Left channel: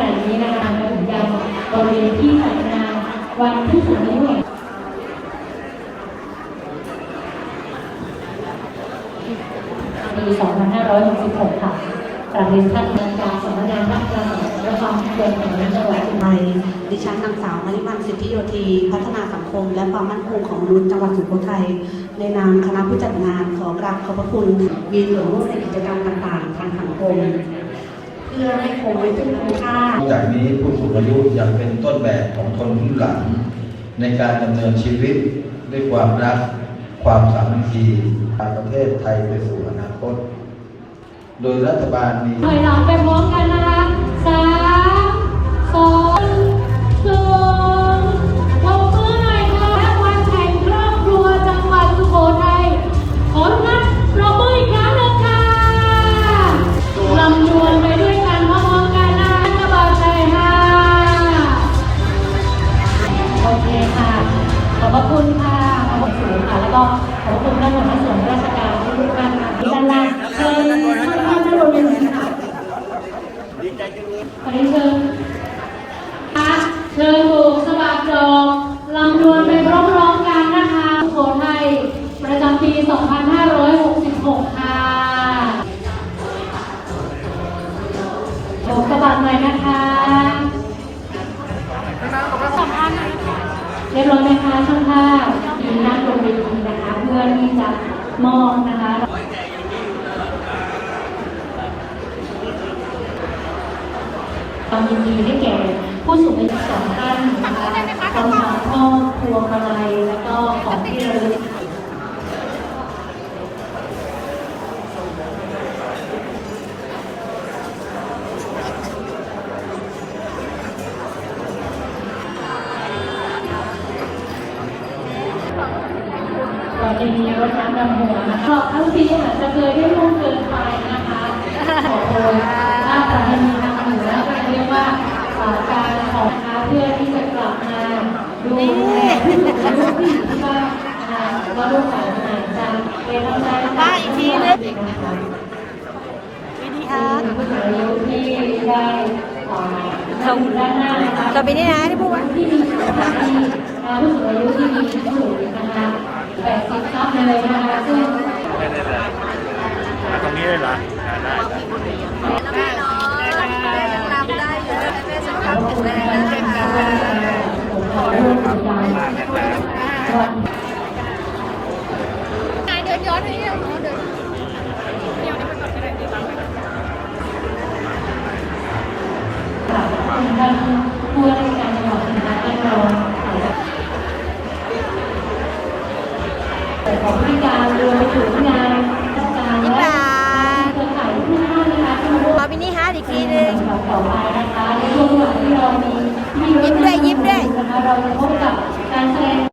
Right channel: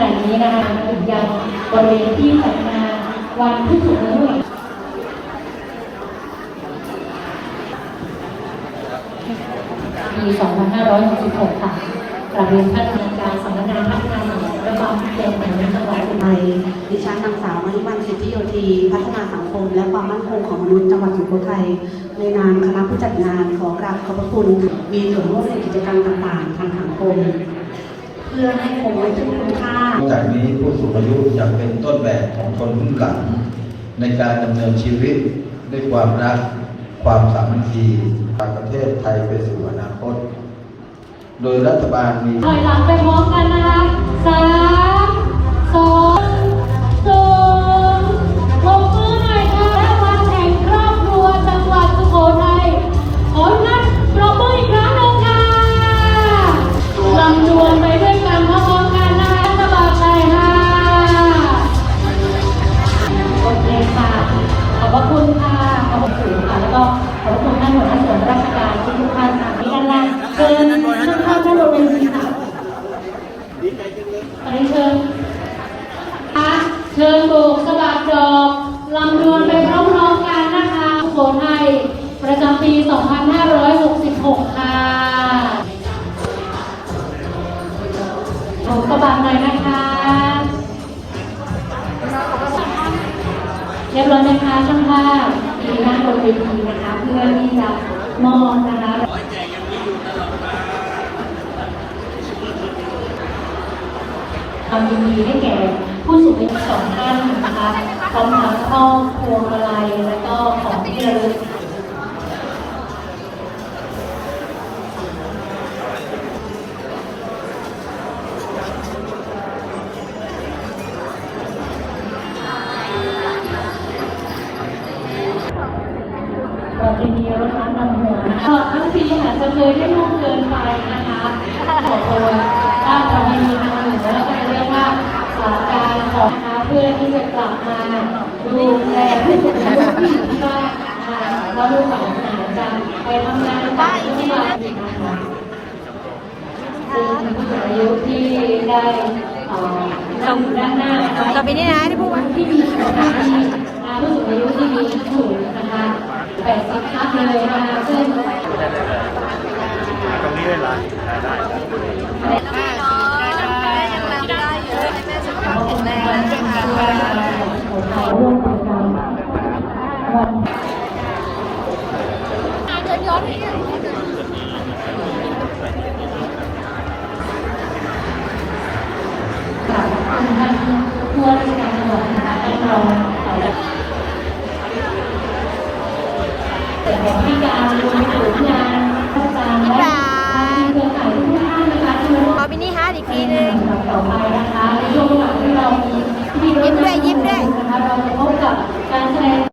ณะนี้นะคะกลุ่มเยาวบริเวณที่จัดงานวันที่สูงอายุปี2566 ค่ะกราบเรียนท่านอาจารย์สำนักงานพัฒนาสังคมและความมั่นคงแห่งจังหวัดสุพรรบุรีดิฉันนางสาวมริพันธ์สิทธิโยธีพัฒนาสังคม และความมั่นคงของมนุษย์จังหวัดสุโขทัยในนามคณะผู้จัดงานขอกราบขอบพระคุณมีส่วนร่วมในกิจกรรมต่างๆทางสังคม เพื่อให้คงไว้ซึ่งคุณค่าจากนี้ผู้สูงอายุจะเป็นต้นแบบของคนรุ่นหลัง ในการดำเนินชีวิตด้วยความรัก ความสามัคคีพาประเทศไทยไปสู่อนาคต โดยรัฐบาลมีถอยหลังไปพร้อมกันนะ รียบร้อยไหมคะช่างภาพดีนั่งบนเวทีนะคะ เพื่อที่จะมอบนะคะความยินดีได้แก่ ผู้สูงอายุสองท่านนะคะพร้อมทั้งครอบครัวมาลัย ก่อนจะมีรถน้ำดำหัวนะคะตลอดทั้งปีอาจจะเคยได้ล่วงเกินไปนะคะขอโทษว่าประเพณีทางเหนือก็เรียกว่าอ่าการขอนะคะเพื่อที่จะกลับมาดูแลผู้สูงอายุที่บ้านนะคะแล้วลูกหลานอาจะไปทำงานต่างจังหวัดนะคะซึ่งผู้สูงอายุที่ได้อ่าส่งด้านหน้าต่อไปนี้นะที่พูดว่าที่มีสุขภาพดีนะคะผู้สูงอายุที่มีสูงนะคะ80พักเลยนะคะซึ่ง ตรงนี้เลยเหรอ ขอบคุณนะคะผมขอร่วมกิจกรรม วันกับคุณท่านผู้ว่าราชการจังหวัดนะคะได้รองแต่ของพิการรวมไปถึงงานราชการและเครือข่ายทุกท่านนะคะที่มาร่วมขอมินิฮาร์ดอีกทีนึงต่อไปนะคะในช่วงเวลาที่เรามียิ้มด้วยยิ้มด้วยนะคะเราจะพบกับการแสดง